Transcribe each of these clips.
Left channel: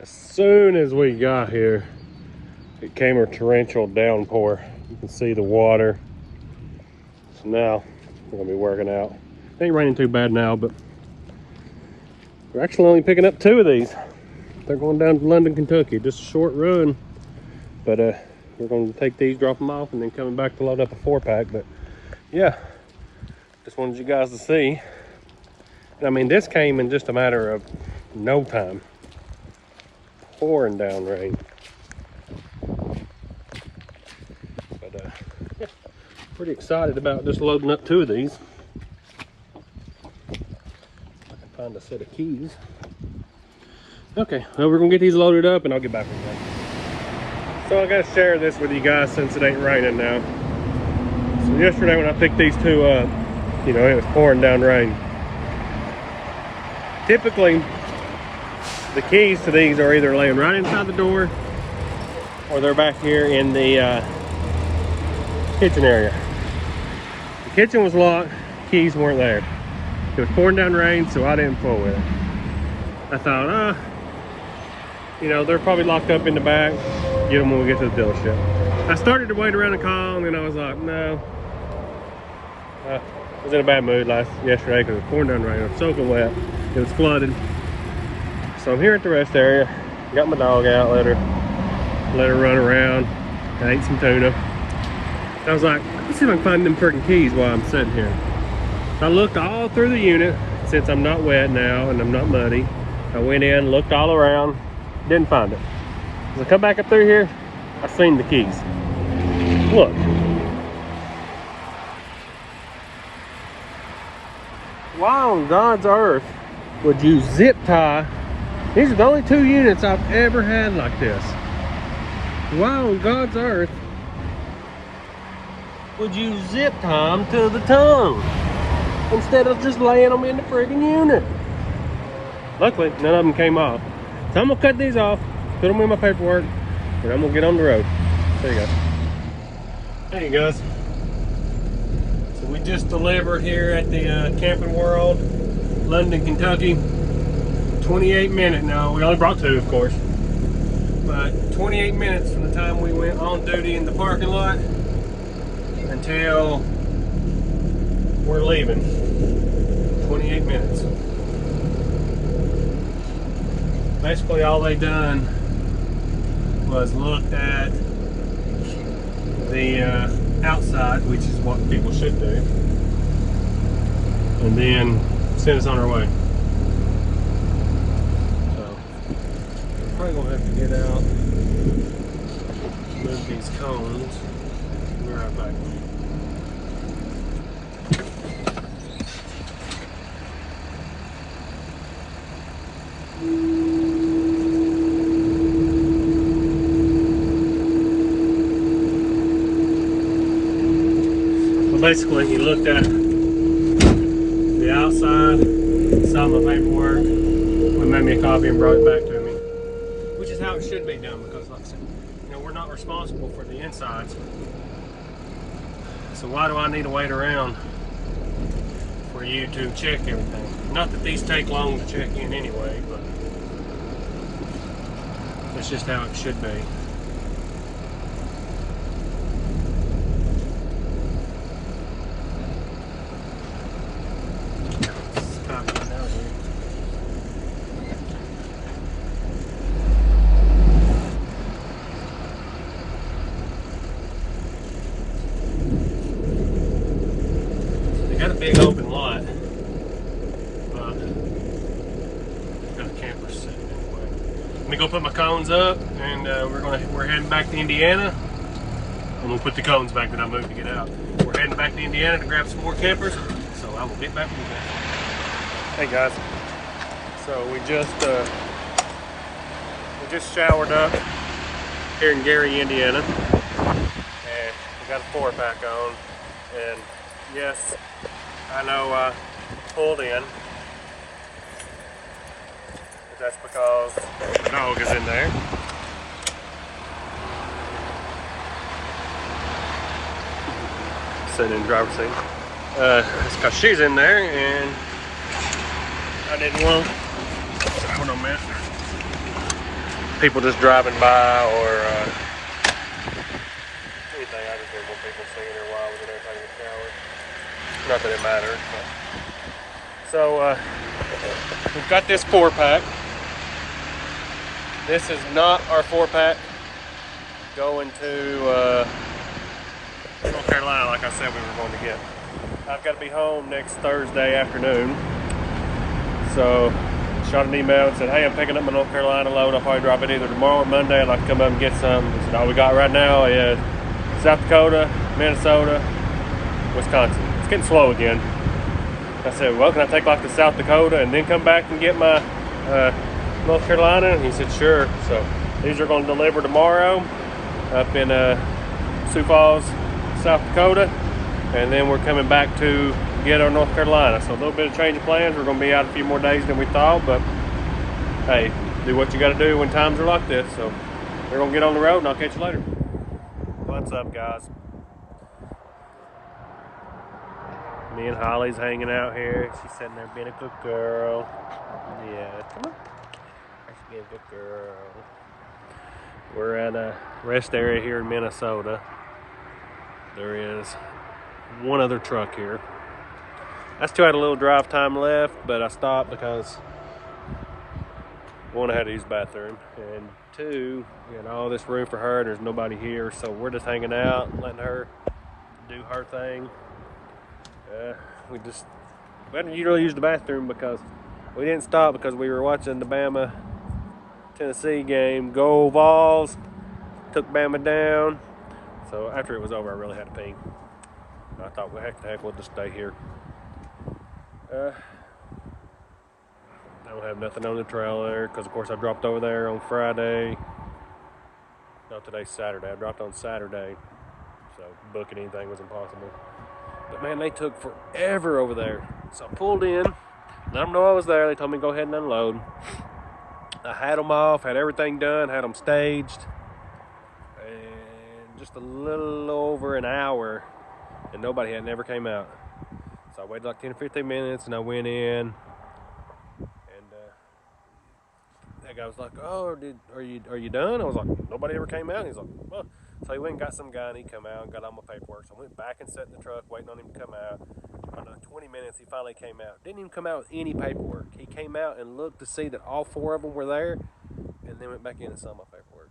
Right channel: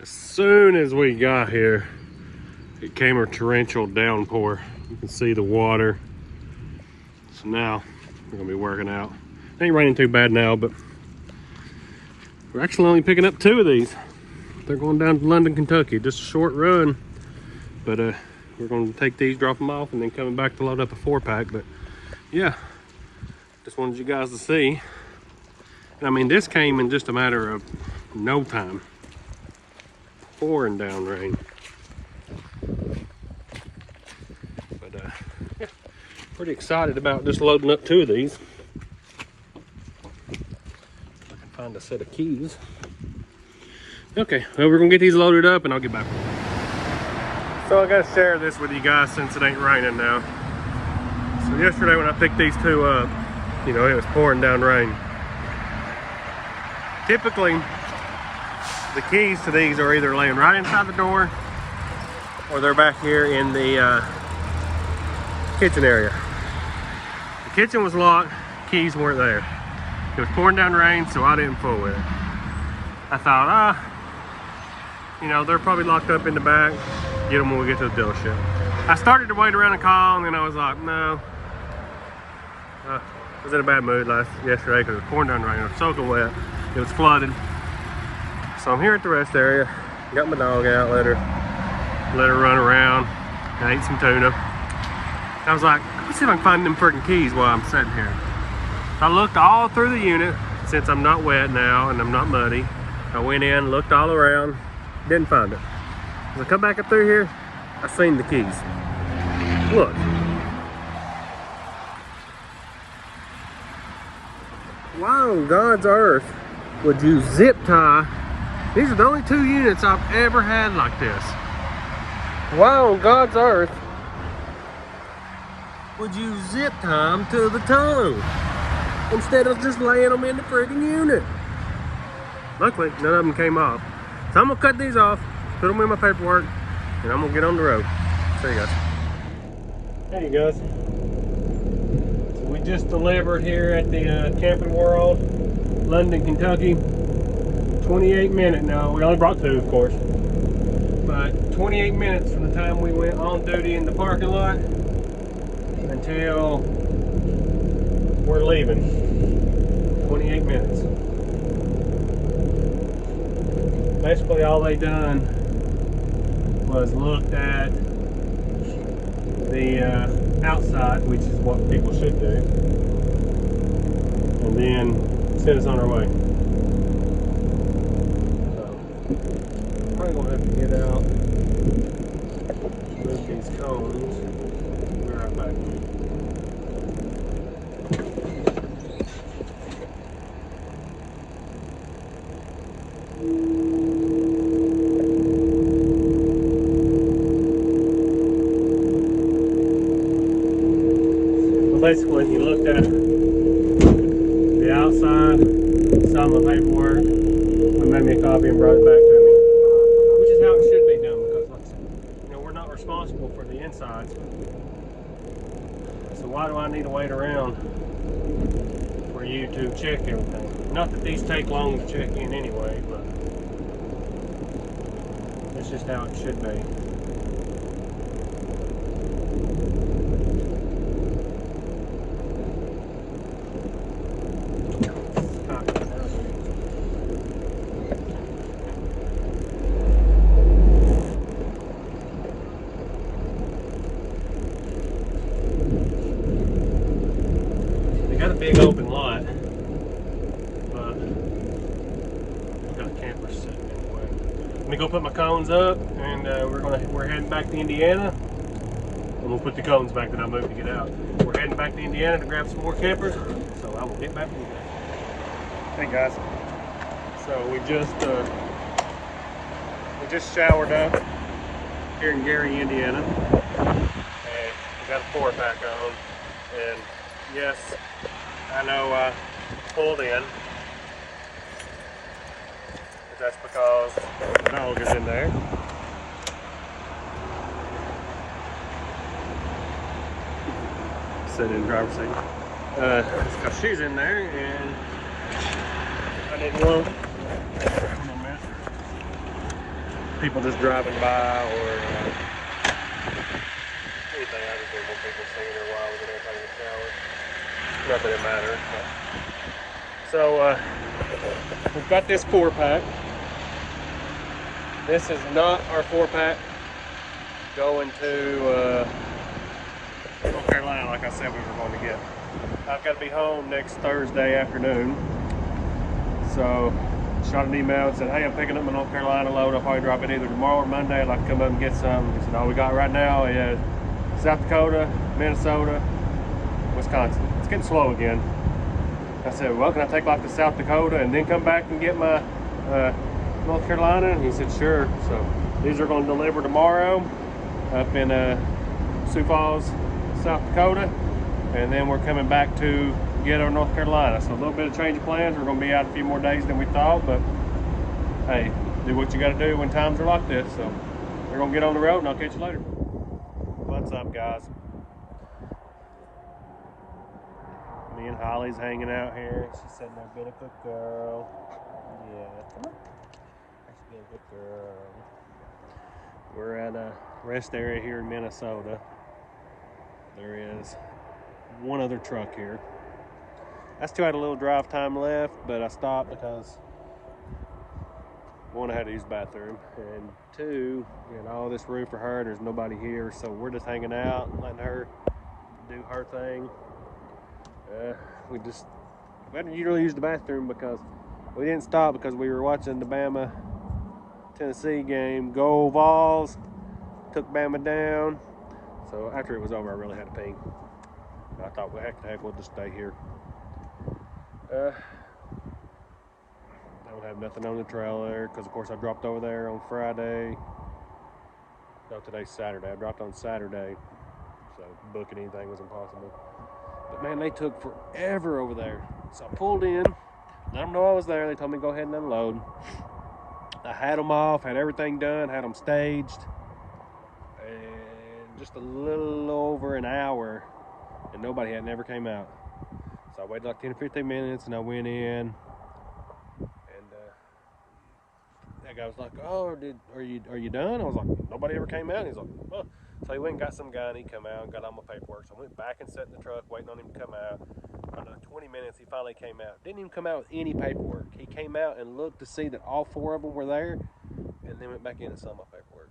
As soon as we got here, it came a torrential downpour. You can see the water. So now we're gonna be working out. It ain't raining too bad now, but we're actually only picking up 2 of these. They're going down to London, Kentucky. Just a short run, but we're gonna take these, drop them off, and then coming back to load up a 4-pack. But yeah, just wanted you guys to see. And I mean, this came in just a matter of no time. Pouring down rain. But yeah, pretty excited about just loading up 2 of these. I can find a set of keys. Okay, well, we're gonna get these loaded up and I'll get back with you. So I gotta share this with you guys since it ain't raining now. So yesterday when I picked these 2 up, you know, it was pouring down rain. Typically, the keys to these are either laying right inside the door or they're back here in the kitchen area. The kitchen was locked, keys weren't there. It was pouring down rain, so I didn't fool with it. I thought, you know, they're probably locked up in the back. Get them when we get to the dealership. I started to wait around and call, and then I was like, no. I was in a bad mood yesterday because it was pouring down rain. It was soaking wet. It was flooded. So I'm here at the rest area. Got my dog out, let her run around. I ate some tuna. I was like, let's see if I can find them freaking keys while I'm sitting here. So I looked all through the unit since I'm not wet now and I'm not muddy. I went in, looked all around, didn't find it. As I come back up through here, I seen the keys. Look. Why on God's earth would you zip tie? These are the only 2 units I've ever had like this. Why on God's earth would you zip tie them to the tongue instead of just laying them in the friggin' unit? Luckily, none of them came off. So I'm gonna cut these off, put them in my paperwork, and I'm gonna get on the road. See you guys. Hey guys. So we just delivered here at the Camping World, London, Kentucky. 28 minutes now. We only brought 2, of course. But 28 minutes from the time we went on duty in the parking lot until we're leaving. 28 minutes. Basically all they done was looked at the outside, which is what people should do, and then send us on our way. So probably gonna have to get out, move these cones. We're right back. Basically, he looked at the outside, saw my paperwork, and made me a copy and brought it back to me. Which is how it should be done, because like I said, you know, we're not responsible for the insides. So why do I need to wait around for you to check everything? Not that these take long to check in anyway, but that's just how it should be. Got a big open lot. They've got campers sitting anyway. Let me go put my cones up, and we're heading back to Indiana. I'm gonna put the cones back that I moved to get out. We're heading back to Indiana to grab some more campers, so I will get back with you guys. Hey guys, so we just showered up here in Gary, Indiana, and we got a 4-pack on, and yes, I know I pulled in, but that's because the dog is in there. Sitting in the driver's seat. It's because she's in there, and I didn't want miss. People just driving by, or anything. I just don't want people seeing it while we don't take a shower. Not that it matters. But. So we've got this 4-pack. This is not our 4-pack going to North Carolina like I said we were going to get. I've got to be home next Thursday afternoon. So shot an email and said, hey, I'm picking up my North Carolina load. I'll probably drop it either tomorrow or Monday. I'd like to come up and get some. He said, all we got right now is South Dakota, Minnesota, Wisconsin. It's getting slow again. I said, well, can I take like to South Dakota and then come back and get my North Carolina? And he said, sure. So these are going to deliver tomorrow up in Sioux Falls, South Dakota. And then we're coming back to get our North Carolina. So a little bit of change of plans. We're going to be out a few more days than we thought, but hey, do what you got to do when times are like this. So we're going to get on the road and I'll catch you later. What's up, guys? Me and Holly's hanging out here. She's sitting there being a good girl. Yeah, she's being a good girl. We're at a rest area here in Minnesota. There is one other truck here. I still had a little drive time left, but I stopped because one, I had to use the bathroom, and two, we had all this room for her and there's nobody here, so we're just hanging out, letting her do her thing. We hadn't really used the bathroom because we didn't stop because we were watching the Bama Tennessee game. Go Vols, took Bama down. So after it was over, I really had to pee. I thought, well, heck, we'll just stay here. I don't have nothing on the trailer because, of course, I dropped over there on Friday. No, today's Saturday. I dropped on Saturday, so booking anything was impossible. But man, they took forever over there. So I pulled in, let them know I was there. They told me to go ahead and unload. I had them off, had everything done, had them staged, and just a little over an hour, and nobody had never came out. So I waited like 10 or 15 minutes, and I went in, and that guy was like, "Oh, are you done?" I was like, "Nobody ever came out." And he's like, "Well." So he went and got some guy, and he come out and got all my paperwork. So I went back and sat in the truck waiting on him to come out. After 20 minutes, he finally came out. Didn't even come out with any paperwork. He came out and looked to see that all 4 of them were there, and then went back in and saw my paperwork.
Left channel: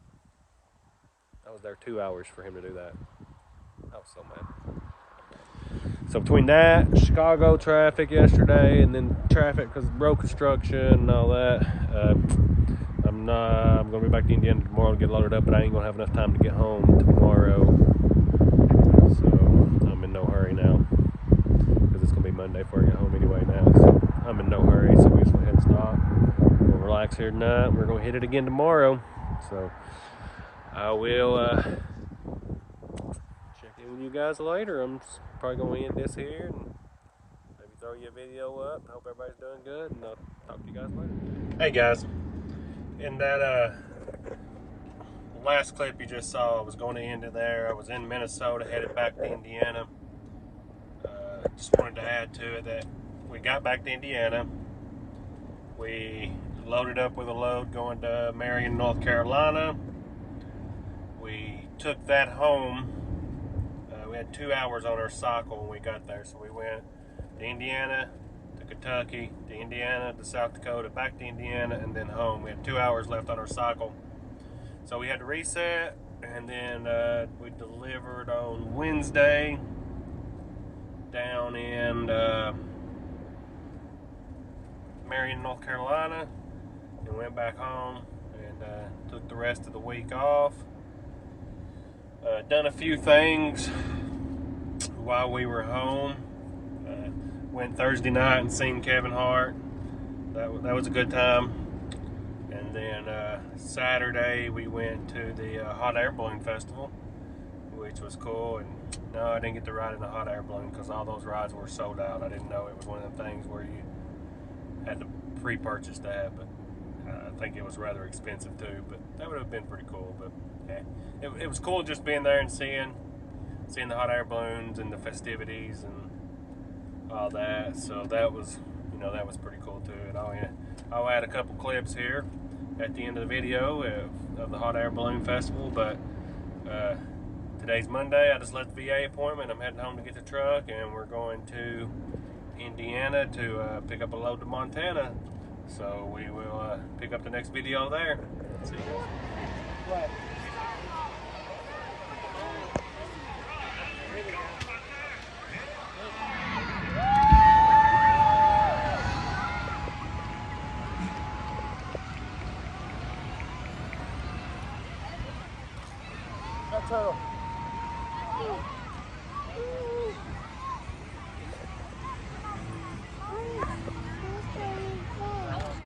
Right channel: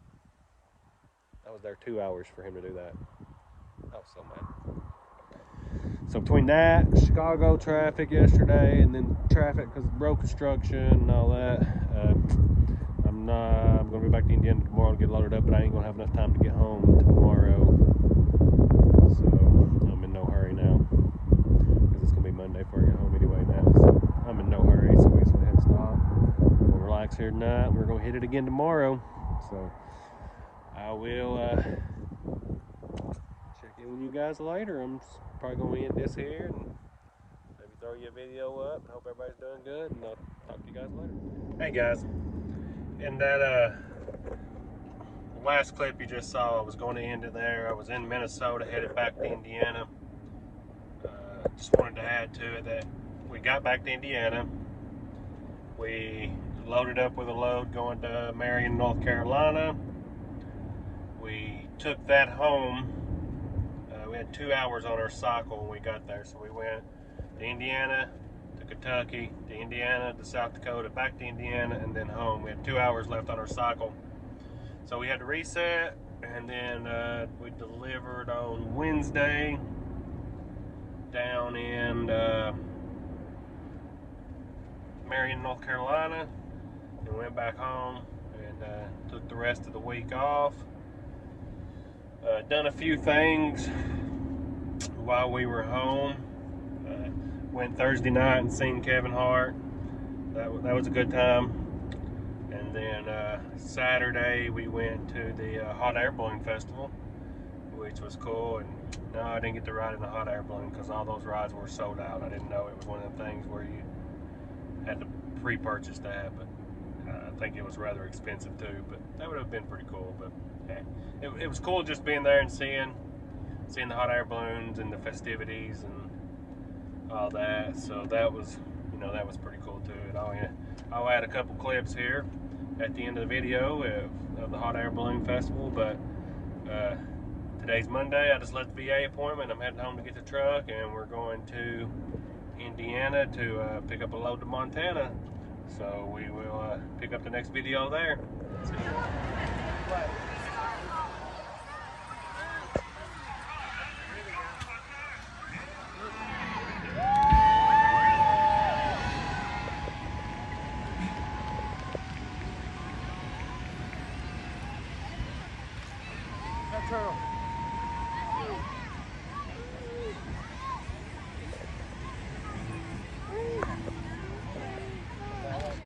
I was there 2 hours for him to do that. I was so mad. So between that, Chicago traffic yesterday, and then traffic because of road construction and all that, I'm going to be back to Indiana tomorrow to get loaded up, but I ain't going to have enough time to get home tomorrow. So I'm in no hurry now, because it's going to be Monday before I get home anyway now. So I'm in no hurry, so we just went ahead and stop. We're going to relax here tonight, and we're going to hit it again tomorrow. So I will check in with you guys later. I'm probably going to end this here and maybe throw you a video up. I hope everybody's doing good, and I'll talk to you guys later. Hey guys, in that last clip you just saw, I was going to end it there. I was in Minnesota, headed back to Indiana. Just wanted to add to it that we got back to Indiana. We loaded up with a load going to Marion, North Carolina. We took that home. We had 2 hours on our cycle when we got there, so we went to Indiana, to Kentucky, to Indiana, to South Dakota, back to Indiana, and then home. We had 2 hours left on our cycle. So we had to reset, and then we delivered on Wednesday down in Marion, North Carolina, and went back home and took the rest of the week off. Done a few things while we were home. Went Thursday night and seen Kevin Hart. That was a good time. And then Saturday we went to the Hot Air Balloon Festival, which was cool. And no, I didn't get to ride in the hot air balloon because all those rides were sold out. I didn't know it was one of them things where you had to pre-purchase that, but I think it was rather expensive too. But that would have been pretty cool. But yeah, it was cool just being there and seeing the hot air balloons and the festivities and all that. So that was, you know, that was pretty cool too. And I'll add a couple clips here at the end of the video of the hot air balloon festival. But today's Monday. I just left the VA appointment. I'm heading home to get the truck, and we're going to Indiana to pick up a load to Montana. So we will pick up the next video there. See you guys. Turtle.